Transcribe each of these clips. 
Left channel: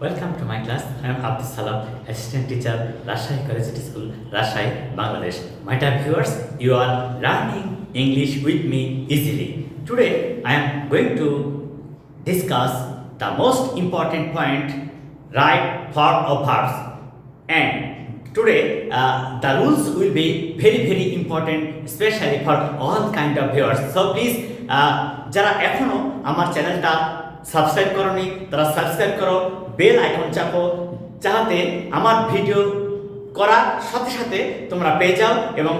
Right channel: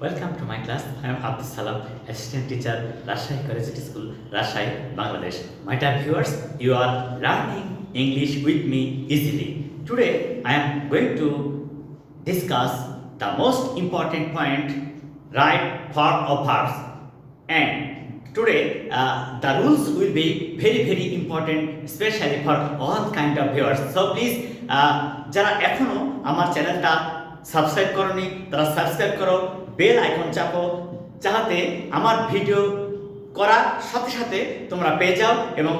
Welcome to my class. I am Abdus Salam, assistant teacher, Rajshahi Collegiate School, Rajshahi, Bangladesh. My dear viewers, you are learning English with me easily. Today, I am going to discuss the most important point, right form of verbs. And today, the rules will be very important, especially for all kind of viewers. So please, যারা এখনো আমার চ্যানেলটা subscribe করোনি তারা subscribe করো, bell icon চাপো, যাতে আমার ভিডিও করার সাথে সাথে তোমরা পেয়ে যাও এবং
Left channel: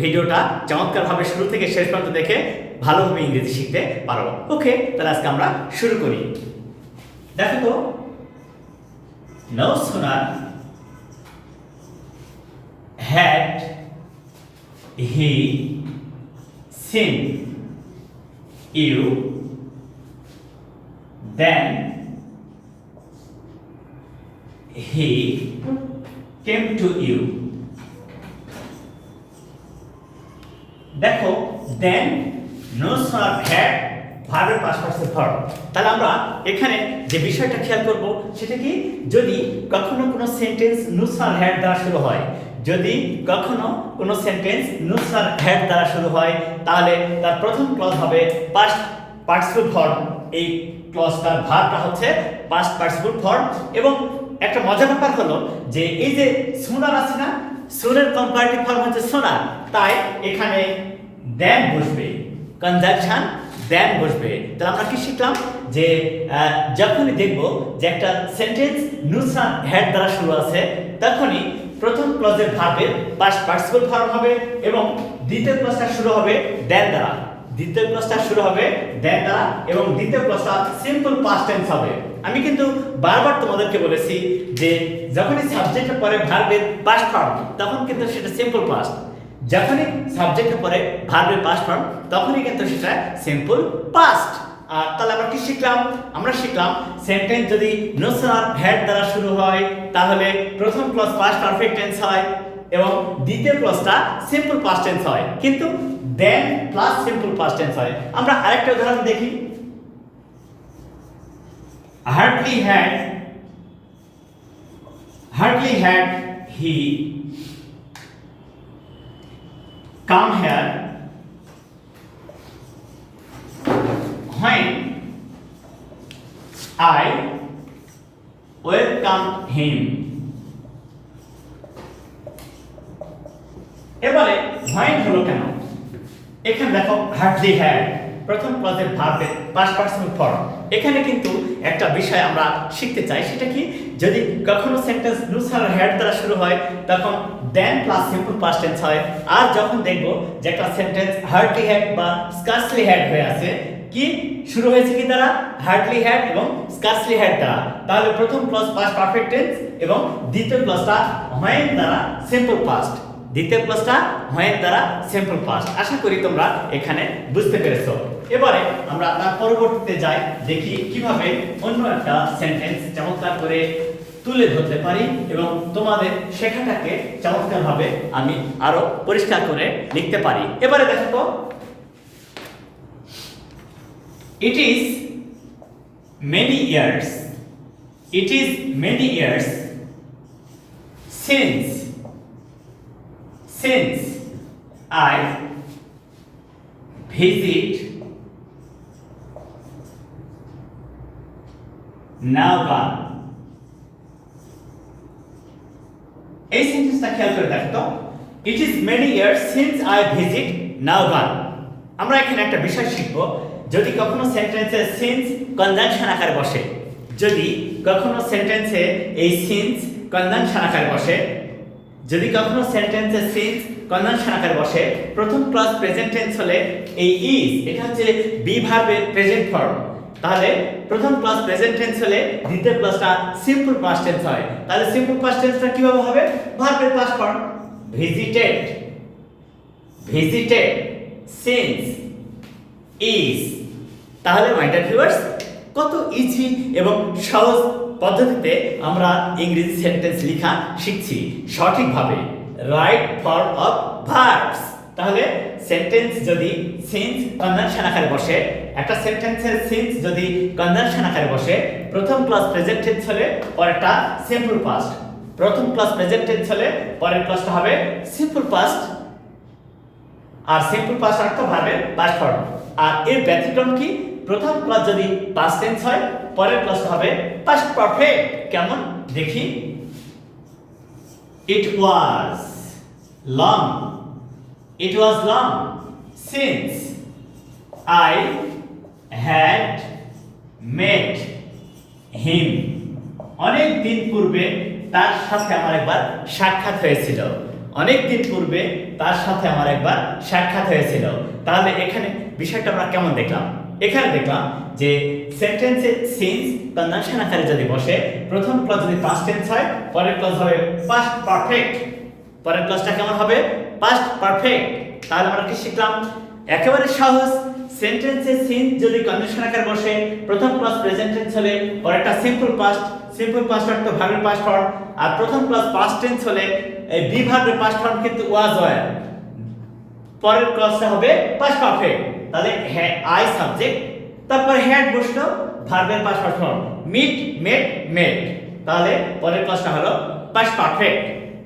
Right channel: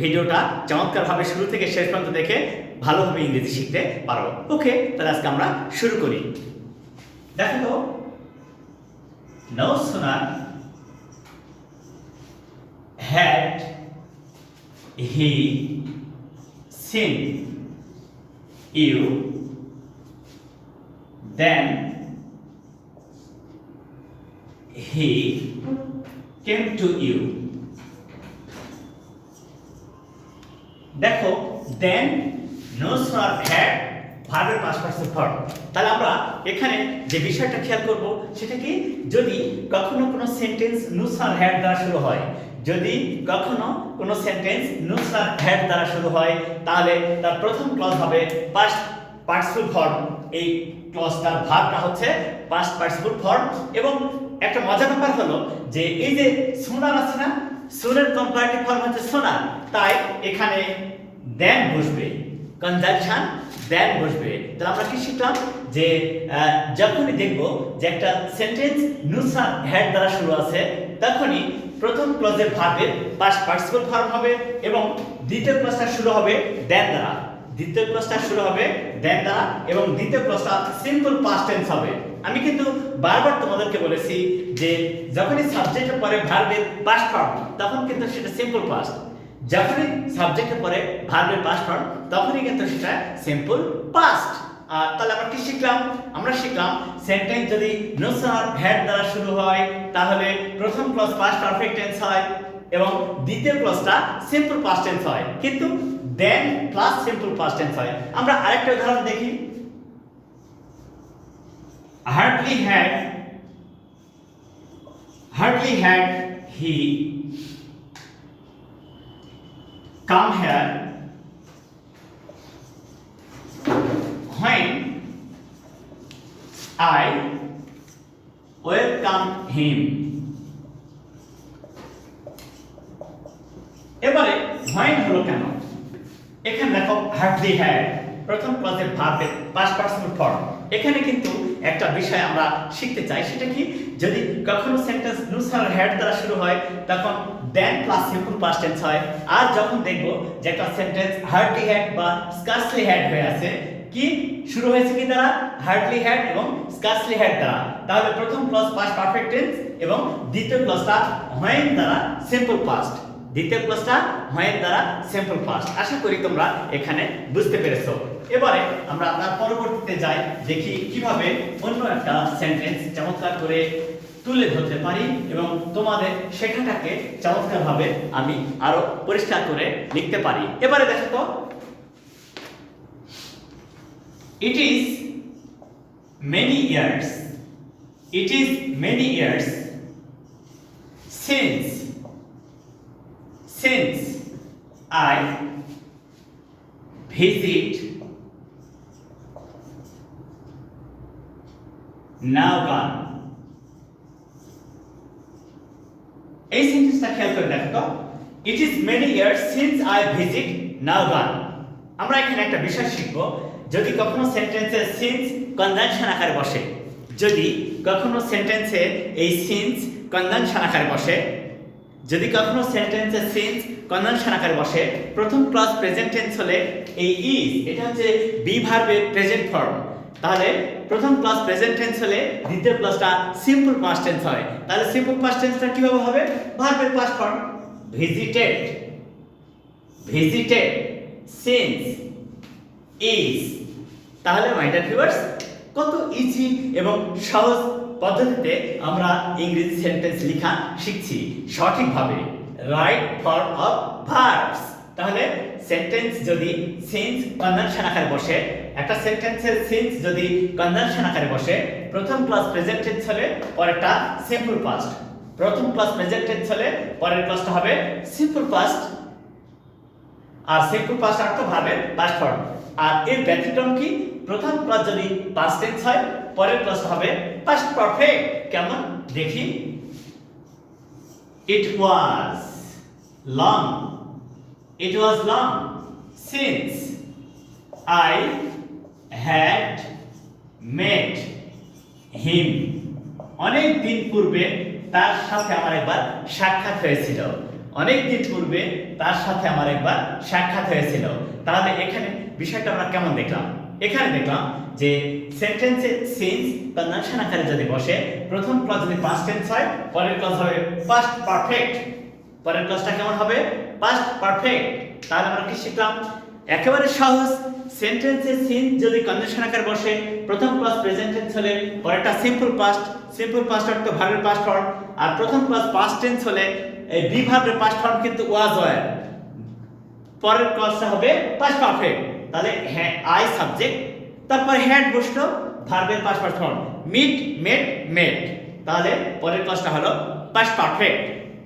ভিডিওটা চমৎকারভাবে শুরু থেকে শেষ পর্যন্ত দেখে ভালোভাবে ইংরেজি শিখতে পারো। ওকে, তাহলে আজকে আমরা শুরু করি। দেখো তো, no sooner had he seen you then he came to you. দেখো, then no sooner had ভার্বের পাস্ট পার্টিসিপল ফর্ম। তাহলে আমরা এখানে যে বিষয়টা খেয়াল করব সেটা কি, যদি কখনো কোনো সেন্টেন্স no sooner had দ্বারা শুরু হয়, যদি কখনো কোনো সেন্টেন্স no sooner had দ্বারা শুরু হয়, তাহলে তার প্রথম ক্লজ হবে পাস্ট পার্টিসিপল ফর্ম। এই ক্লজটার ভার্বটা হচ্ছে পাস্ট পার্টিসিপল ফর্ম। এবং একটা মজার ব্যাপার হলো যে এই যে সোনার আছে না, সোনের কম্পারেটিভ ফর্ম হচ্ছে সোনার, তাই এখানে দেন বসবে, কনজাংশন দেন বসবে। তাহলে আমরা কি শিখলাম যে যখনই দেখব যে একটা সেন্টেন্স no sooner had দ্বারা শুরু আছে, তখনই প্রথম ক্লজের ভার্বের পাস্ট পার্টিসিপল ফর্ম হবে এবং দ্বিতীয় ক্লজটা শুরু হবে দেন দ্বারা, দ্বিতীয় ক্লজটা শুরু হবে দেন দ্বারা এবং দ্বিতীয় ক্লজটা সিম্পল পাস্ট টেন্স হবে। আমি কিন্তু বারবার তোমাদেরকে বলেছি যে যখনই সাবজেক্টের পরে ভার্বের পাস্ট ফর্ম তখন কিন্তু সেটা সিম্পল পাস্ট, যখনই সাবজেক্টের পরে ভার্বের পাস্ট ফর্ম তখনই কিন্তু সেটা সিম্পল পাস্ট। তাহলে আমরা কি শিখলাম? আমরা শিখলাম সেন্টেন্স যদি no sooner had দ্বারা শুরু হয় তাহলে প্রথম ক্লজ পাস্ট পারফেক্ট টেন্স হয় এবং দ্বিতীয় ক্লজটা সিম্পল পাস্ট টেন্স হয়, কিন্তু দেন প্লাস সিম্পল পাস্ট টেন্স হয়। আমরা আরেকটা উদাহরণ দেখি। hardly had he come here when I welcome him. এবারে when হলো কেন? এখানে দেখো hardly had প্রথম ক্লজের ভার্বের পাস্ট পার্টিসিপল ফর্ম। এখানে কিন্তু একটা বিষয় আমরা শিখতে চাই, সেটা কি, যদি কখনো সেন্টেন্স no sooner had দ্বারা শুরু হয় তখন দেন প্লাস সিম্পল পাস্ট টেন্স হয়। আর যখন দেখব যে একটা সেন্টেন্স hardly had বা scarcely had হয়ে আছে, কি শুরু হয়েছে কি দ্বারা, hardly had এবং scarcely had দ্বারা, তাহলে প্রথম ক্লজ পাস্ট পারফেক্ট টেন্স এবং দ্বিতীয় ক্লজটা when দ্বারা সিম্পল পাস্ট, দ্বিতীয় ক্লজটা when দ্বারা সিম্পল পাস্ট। আশা করি তোমরা এখানে বুঝতে পেরেছো। এবারে আমরা তার পরবর্তীতে যাই, দেখি কিভাবে অন্য একটা সেন্টেন্স চমৎকার করে তুলে ধরতে পারি এবং তোমাদের শেখাটাকে চমৎকারভাবে আমি আরো পরিষ্কার করে লিখতে পারি। এবারে দেখো তো, it is many years since I visit now gone. এই সেন্টেন্সটা খেয়াল করে দেখো তো, it is many years since I visit now gone। আমরা এখানে একটা বিষয় শিখব, যদি কখনো সেন্টেন্সে সিন্স কনজাংশন আকারে বসে, যদি কখনো সেন্টেন্সে এই সিন্স কনজাংশন আকারে বসে, যদি কখনো সেন্টেন্সে সিন্স কনজাংশন আকারে বসে, প্রথম ক্লজ প্রেজেন্ট টেন্স হলে এই ইজ, এটা হচ্ছে বি ভার্বের প্রেজেন্ট ফর্ম, তাহলে প্রথম ক্লজ প্রেজেন্ট টেন্স হলে দ্বিতীয় ক্লজটা সিম্পল পাস্ট টেন্স হয়। তাহলে সিম্পল পাস্ট টেন্সটা কিভাবে হবে? ভার্বের past form visited since is. তাহলে মাই ডিয়ার ভিউয়ার্স, কত ইজি এবং সহজ পদ্ধতিতে আমরা ইংরেজি সেন্টেন্স লেখা শিখছি সঠিকভাবে, রাইট ফর্ম অফ ভার্বস। তাহলে সেন্টেন্স যদি সিন্স কনজাংশন আকারে বসে একটা সেন্টেন্সের সিন্স যদি কনজাংশন আকারে বসে, প্রথম ক্লাস প্রেজেন্ট টেন্স হলে পরেরটা সিম্পল পাস্ট, প্রথম ক্লাস প্রেজেন্ট টেন্স হলে পরের ক্লাসটা হবে সিম্পল পাস্ট, আর সিম্পল পাস্ট অর্থ ভার্বের পাস্ট ফর্ম। আর এর ব্যতিক্রম কি, প্রথম ক্লাস যদি পাস্ট টেন্স হয় পরের ক্লাসটা হবে পাস্ট পারফেক্ট। কেমন দেখি, it was long, it was long since I had met him, অনেক দিন পূর্বে তার সাথে আমার একবার সাক্ষাৎ হয়েছিল, অনেক দিন পূর্বে তার সাথে আমার একবার সাক্ষাৎ হয়েছিল। তাহলে এখানে বিষয়টা আমরা কেমন দেখলাম, এখানে দেখলাম যে সেন্টেন্সে সিন্স কনজাংশন আকারে যদি বসে, প্রথম ক্লাস যদি পাস্ট টেন্স হয় পরের ক্লাস হবে পাস্ট পারফেক্ট, পরের ক্লাসটা কেমন হবে পাস্ট পারফেক্ট। তাহলে আমরা কি শিখলাম, একেবারে সহজ, সেন্টেন্সে সিন্স যদি কনজাংশন আকারে বসে, প্রথম ক্লাস প্রেজেন্ট টেন্স হলে পরেরটা সিম্পল পাস্ট, সিম্পল পাস্ট অর্থ ভার্বের পাস্ট ফর্ম, আর প্রথম ক্লাস পাস্ট টেন্স হলে এই বি ভার্বের পাস্ট ফর্ম কিন্তু ওয়াজ হয়, পরের ক্লাসটা হবে পাস্ট পারফেক্ট। তাহলে আই সাবজেক্ট, তারপরে হ্যাড বসলো ভার্বের পাস্ট ফর্ম, মিট মেট মেট, তাহলে পরের ক্লাসটা হলো পাস্ট পারফেক্ট,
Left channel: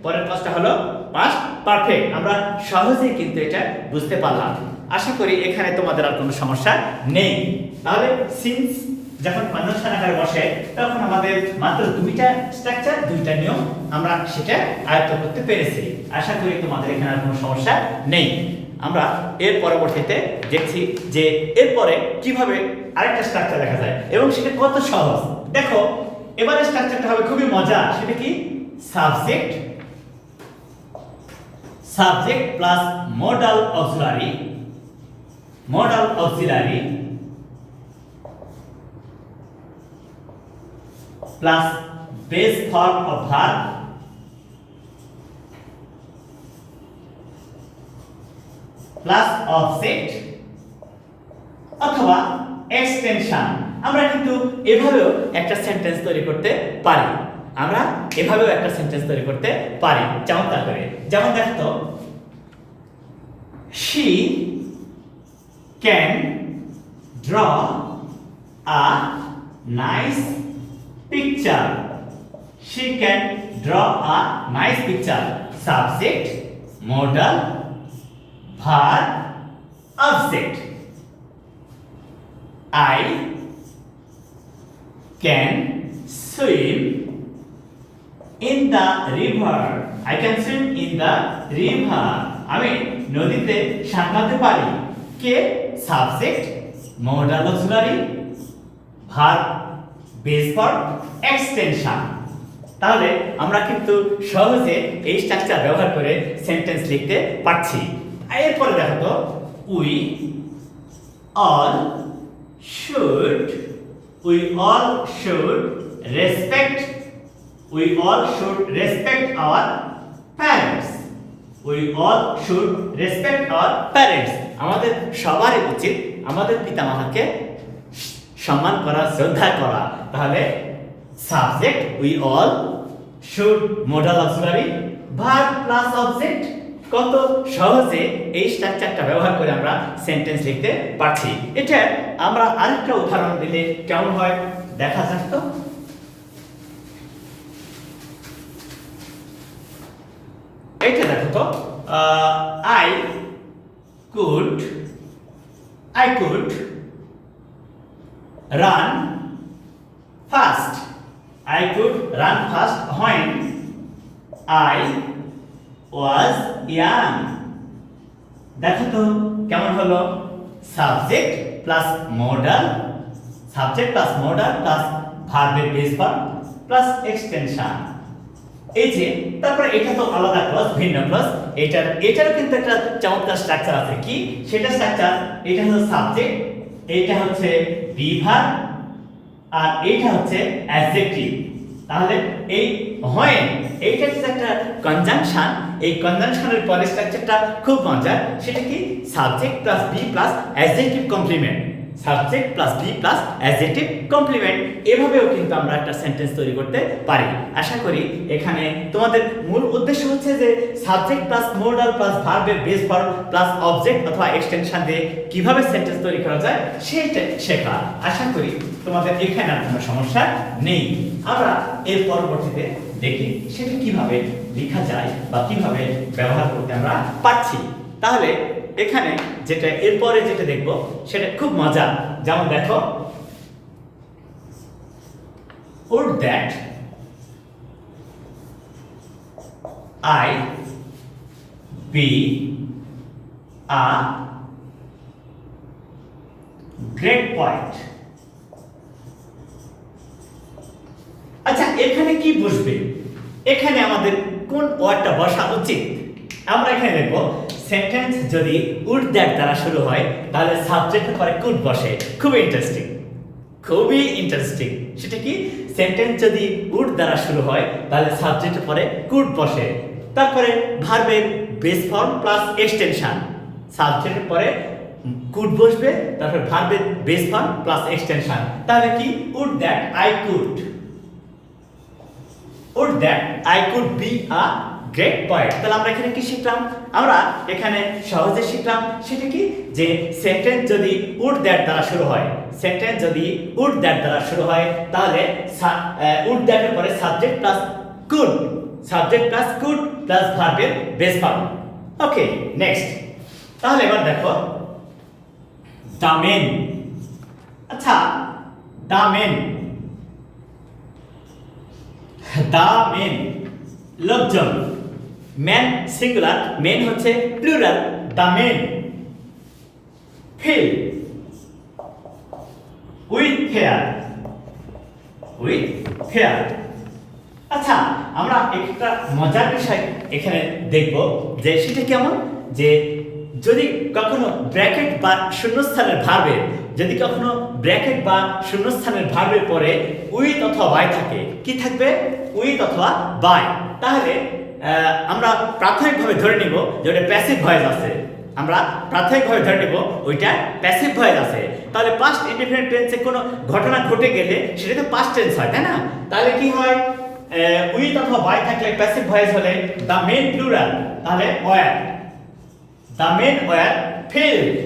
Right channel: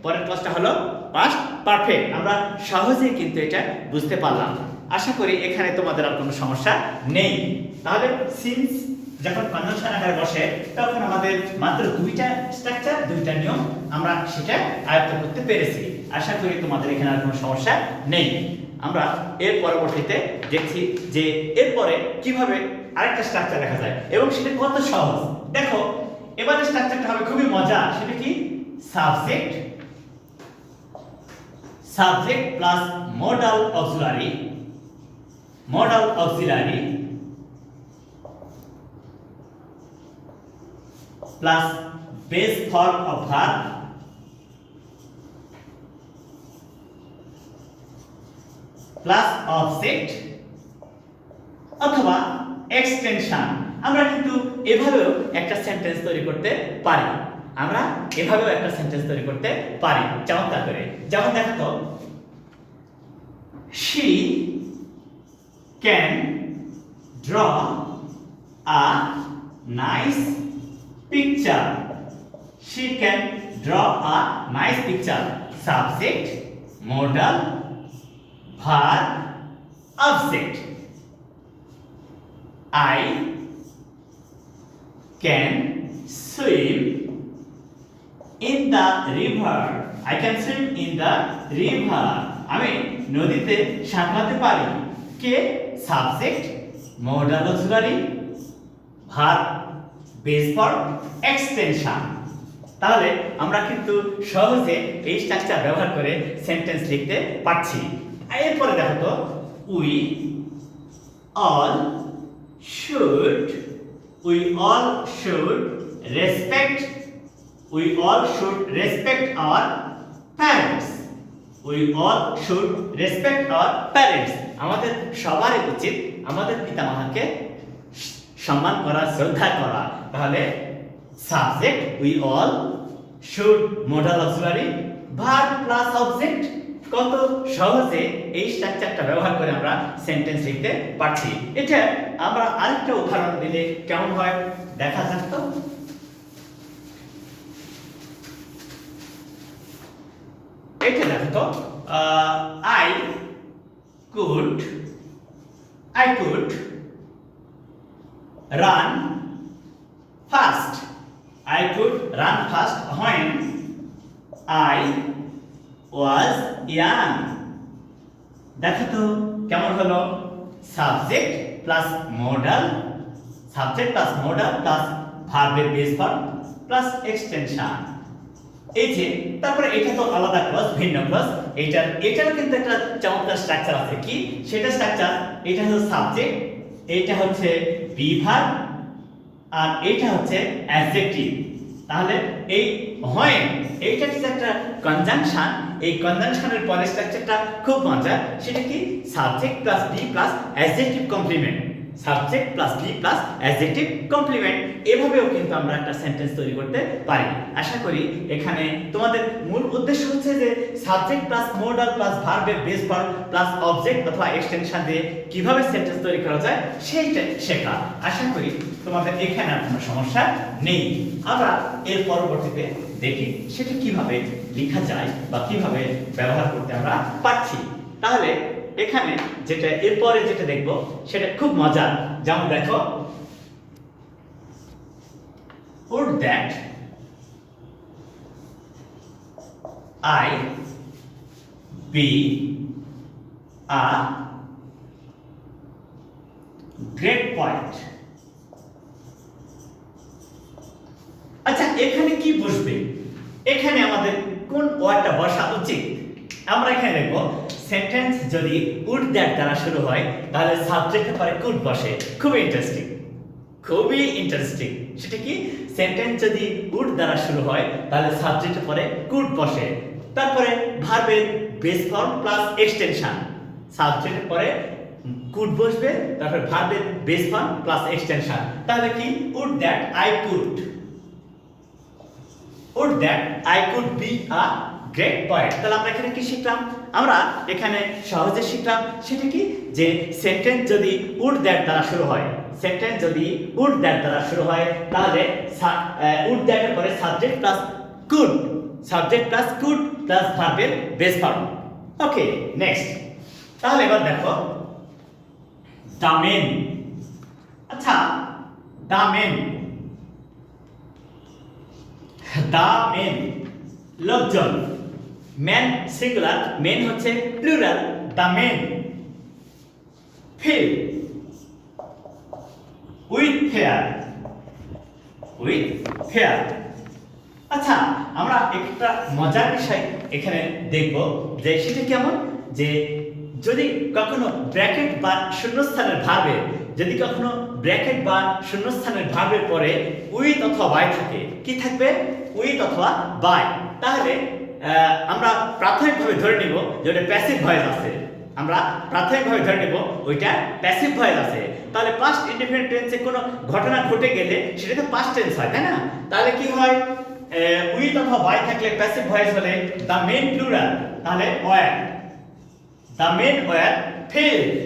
পরের ক্লাসটা হলো পাস্ট পারফেক্ট। আমরা সহজেই কিন্তু এটা বুঝতে পারলাম। আশা করি এখানে তোমাদের আর কোনো সমস্যা নেই। তাহলে সিন্স যখন কনজাংশন আকারে বসে তখন আমাদের মাত্র দুইটা স্ট্রাকচার, দুইটা নিয়ম আমরা সেটা আয়ত্ত করতে পেরেছি। আশা করি তোমাদের এখানে আর কোনো সমস্যা নেই। আমরা এর পরবর্তীতে দেখছি যে এরপরে কিভাবে আরেকটা স্ট্রাকচার দেখা যায় এবং সেটা কত সহজ। দেখো এবারে স্ট্রাকচারটা হবে খুবই মজা, সেটা কি subject, subject plus modal auxiliary, modal auxiliary plus base form of verb plus object অথবা এক্সটেনশন। আমরা কিন্তু এভাবেও একটা সেন্টেন্স তৈরি করতে পারি, আমরা এভাবেও একটা সেন্টেন্স তৈরি করতে পারি চমৎকার করে। যেমন দেখো তো, she can draw a nice picture, she can draw a nice picture, subject modal verb object, I can swim in the river, I can swim in the river, আমি নদীতে সাঁতরাতে পারি, কে subject modal auxiliary verb base form extension. তাহলে আমরা কিন্তু সহজে এই স্ট্রাকচার ব্যবহার করে সেন্টেন্স লিখতে পারছি। এরপরে দেখো তো, we all should, we all should respect, we all should respect our parents, we all should respect our parents, আমাদের সবারই উচিত আমাদের পিতামাতাকে সম্মান করা, শ্রদ্ধা করা। তাহলে subject we all should modal auxiliary verb plus object, কত সহজে এই স্ট্রাকচারটা ব্যবহার করে আমরা সেন্টেন্স লিখতে পারছি। এটা আমরা আরেকটা উদাহরণ দিলে কেমন হয় দেখা যাক তো। এটা দেখো তো, I could run fast, I could run fast when I was young, দেখো তো কেমন হলো, subject plus modal, subject plus modal plus ভার্বের বেস ফর্ম প্লাস এক্সটেনশন। এই যে তারপরে এটা তো আলাদা ক্লজ, ভিন্ন ক্লজ, এটারও কিন্তু একটা চমৎকার স্ট্রাকচার আছে। কি সেটা স্ট্রাকচার, এটা হলো সাবজেক্ট, এইটা হচ্ছে বি ভার্ব, আর এইটা হচ্ছে অ্যাডজেক্টিভ। তাহলে এই when এইটা হচ্ছে একটা কনজাংশন, এই কনজাংশনের পরের স্ট্রাকচারটা খুব মজার, সেটা কি subject plus be plus adjective complement, subject plus be plus adjective complement, এভাবেও কিন্তু আমরা একটা সেন্টেন্স তৈরি করতে পারি। আশা করি এখানে তোমাদের মূল উদ্দেশ্য হচ্ছে যে সাবজেক্ট প্লাস মোডাল প্লাস ভার্বের বেস ফর্ম প্লাস অবজেক্ট অথবা এক্সটেনশন দিয়ে কিভাবে সেন্টেন্স তৈরি করা যায় সেটা শেখা। আশা করি তোমাদের এখানে আর কোনো সমস্যা নেই। আমরা এর পরবর্তীতে দেখি সেটা কিভাবে লেখা যায় বা কিভাবে ব্যবহার করতে আমরা পারছি। তাহলে এখানে যেটা এরপরে যেটা দেখব সেটা খুব মজা। যেমন দেখো, would that I be a great poet? আচ্ছা, এখানে কি বসবে? এখানে আমাদের কোন ওয়ার্ডটা বসা উচিত? আমরা এখানে দেখব সেন্টেন্স যদি উড দ্যাট দ্বারা শুরু হয় তাহলে সাবজেক্টের পরে কুড বসে। খুবই ইন্টারেস্টিং। সেটা কি? সেন্টেন্স যদি উড দ্বারা শুরু হয় তাহলে সাবজেক্টের পরে কুড বসে। তারপরে ভার্বের বেস ফর্ম প্লাস এক্সটেনশন, সাবজেক্টের পরে কুড বসবে, তারপরে ভার্বের বেস ফর্ম প্লাস এক্সটেনশন। তাহলে কি? Would that I could, would that I could be a great poet। তাহলে আমরা এখানে কি শিখলাম? আমরা এখানে সহজে শিখলাম সেটা কি, যে সেন্টেন্স যদি would that দ্বারা শুরু হয়, সেন্টেন্স যদি would that দ্বারা শুরু হয় তাহলে would that এর পরে subject plus could, subject plus could plus ভার্বের বেস ফর্ম। Okay, next. তাহলে এবার দেখো the men। আচ্ছা, the men, দা মেন লোকজন, ম্যান সিঙ্গুলার, মেন হচ্ছে plural. The men fill with fear. আচ্ছা, আমরা একটা মজার বিষয় এখানে দেখব যে সেটা কেমন, যে যদি কখনো ব্র্যাকেট বা শূন্যস্থানের ভার্বের, যদি কখনো ব্র্যাকেট বা শূন্যস্থানের ভার্বের পরে উইথ অথবা বাই থাকে, কি থাকবে? উইথ অথবা বাই। তাহলে আমরা প্রাথমিকভাবে ধরে নিব যে ওটা প্যাসিভ ভয়েস আছে। আমরা প্রাথমিকভাবে ধরে নিব ওইটা প্যাসিভ ভয়েস আছে। তাহলে পাস্ট ইনডিফিনিট টেন্সে কোনো ঘটনা ঘটে গেলে সেটা তো পাস্ট টেন্স হয়, তাই না? তাহলে কি হয়? উইথ অথবা বাই থাকলে প্যাসিভ ভয়েস হলে দ্য মেন প্লুরাল, তাহলে were, the men were filled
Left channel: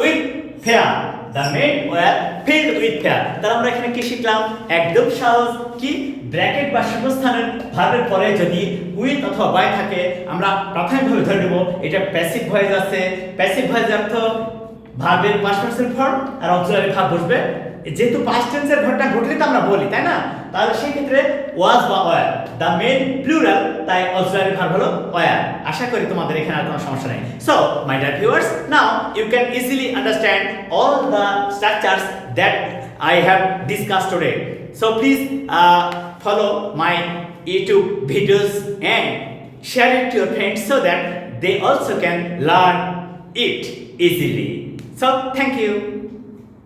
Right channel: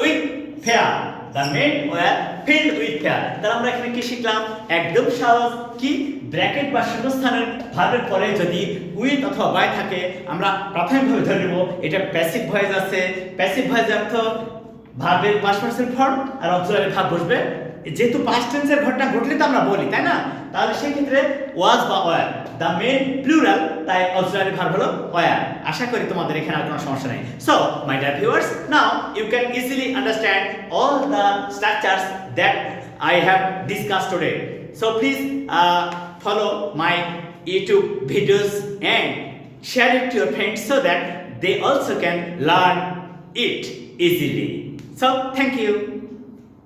with fear, the men were filled with fear. তাহলে আমরা এখানে কি শিখলাম? একদম সহজ। কি? ব্র্যাকেট বা শূন্যস্থানের ভার্বের পরে যদি উইথ অথবা বাই থাকে আমরা প্রাথমিকভাবে ধরে নেব এটা প্যাসিভ ভয়েস আছে। প্যাসিভ ভয়েসের অর্থ ভার্বের পাস্ট পারসন ফর্ম আর অক্সিলারি ভার্ব বসবে। যেহেতু পাস্ট টেন্সের ঘটনা ঘটলে তো আমরা বলি, তাই না? তাহলে সেই ক্ষেত্রে ওয়াজ বা ওয়্যার, দ্য মেন প্লুরাল, তাই অক্সিলারি ভার্ব হলো ওয়্যার। আশা করি তোমাদের এখানে আর কোনো সমস্যা নেই। So my dear viewers, now you can easily understand all the structures that I have discussed today. So please follow my YouTube videos and share it to your friends so that they also can learn it easily. So thank you.